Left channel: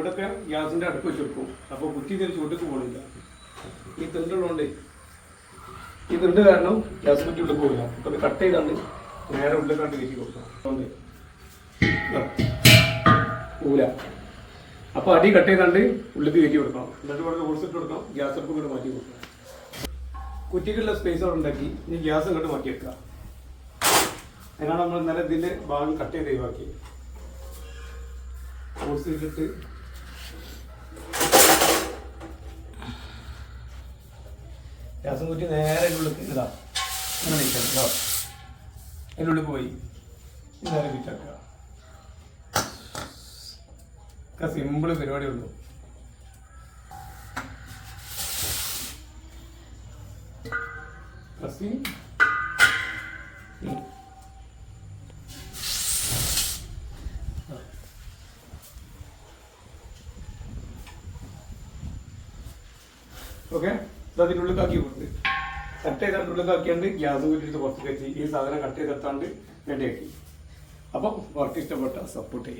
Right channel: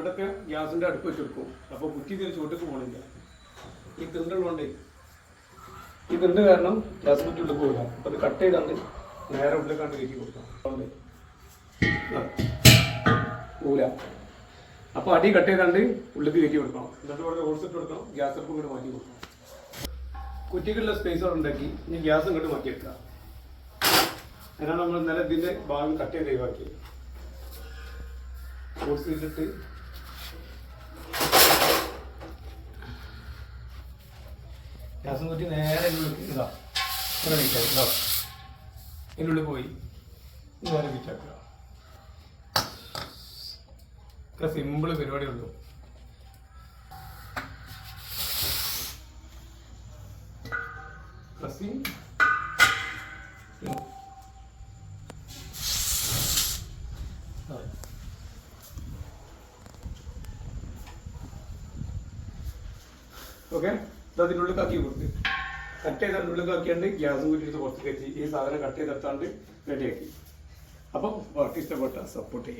ഇവിടെയൊക്കെ ഗ്യാസിൻ്റെ അടുപ്പ് വെച്ചെടുക്കും. അപ്പോൾ കുറ്റി ഇതിന് ചൂട്ടേക്ക് പോകണില്ല. ഈ തിണ്ടുള്ളതുകൊണ്ട് ഈ തിണ്ട് കാരണം ഗ്യാസ് കുറ്റി ഉള്ളിൽ പോകില്ല. അപ്പോൾ അത് കട്ട് ചെയ്താണ്ട് നേരെ ഉള്ളിലേക്കാണ്ട് കയറ്റി കൊടുക്കാം. അതുകൊണ്ട് പോകില്ല. അപ്പോൾ അടി കട്ട് ചെയ്താണ്ട് ഉള്ളിലേക്ക് കയറ്റി കൊടുക്കണം. എന്നിട്ട് ഇവിടെ ഓടിച്ചിട്ട് കൊടുക്കണം. ഗ്യാസ് അടുപ്പ് ഇങ്ങോട്ട് മാറ്റി കൊടുക്കണം. കുറ്റിക്കുള്ള സ്പേസ് ഉണ്ടാക്കി ഇനി ഗ്യാസ് ഇങ്ങോട്ട് മാറ്റിയെടുക്കാം. അതിനാണ് നമ്മൾ ഇന്നലെ ഇതിൻ്റെ ഭാഗം കട്ട് ചെയ്ത് ഒഴിവാക്കി. ഓടിച്ചിട്ടിട്ട് ഗ്യാസും കുറ്റി നേരെ ഉള്ളിൽ ഇതാ അങ്ങനെ നീറ്റാക്കുക. അതിൻ്റെ ഉള്ളിൽ പോയി നേരെ നീറ്റാക്കുക. സിമ്പിൾ പരിപാടി ഉള്ളൂ. ഓക്കെ, അതിനുള്ളിലാക്കി കൊടുത്ത് കട്ട് ചെയ്ത് അതിനുള്ളിലാക്കിയാണ്ട് ഗ്യാസ് കൂട്ടിയിട്ട് പുറത്തേക്ക് വെച്ച് ഈ സാധനം കട്ട് ചെയ്തെത്താണ്ട് റെഡിയാക്കി. അപ്പം വർക്ക് ഇഷ്ടപ്പെട്ട സപ്പോർട്ട് ചെയ്യാം.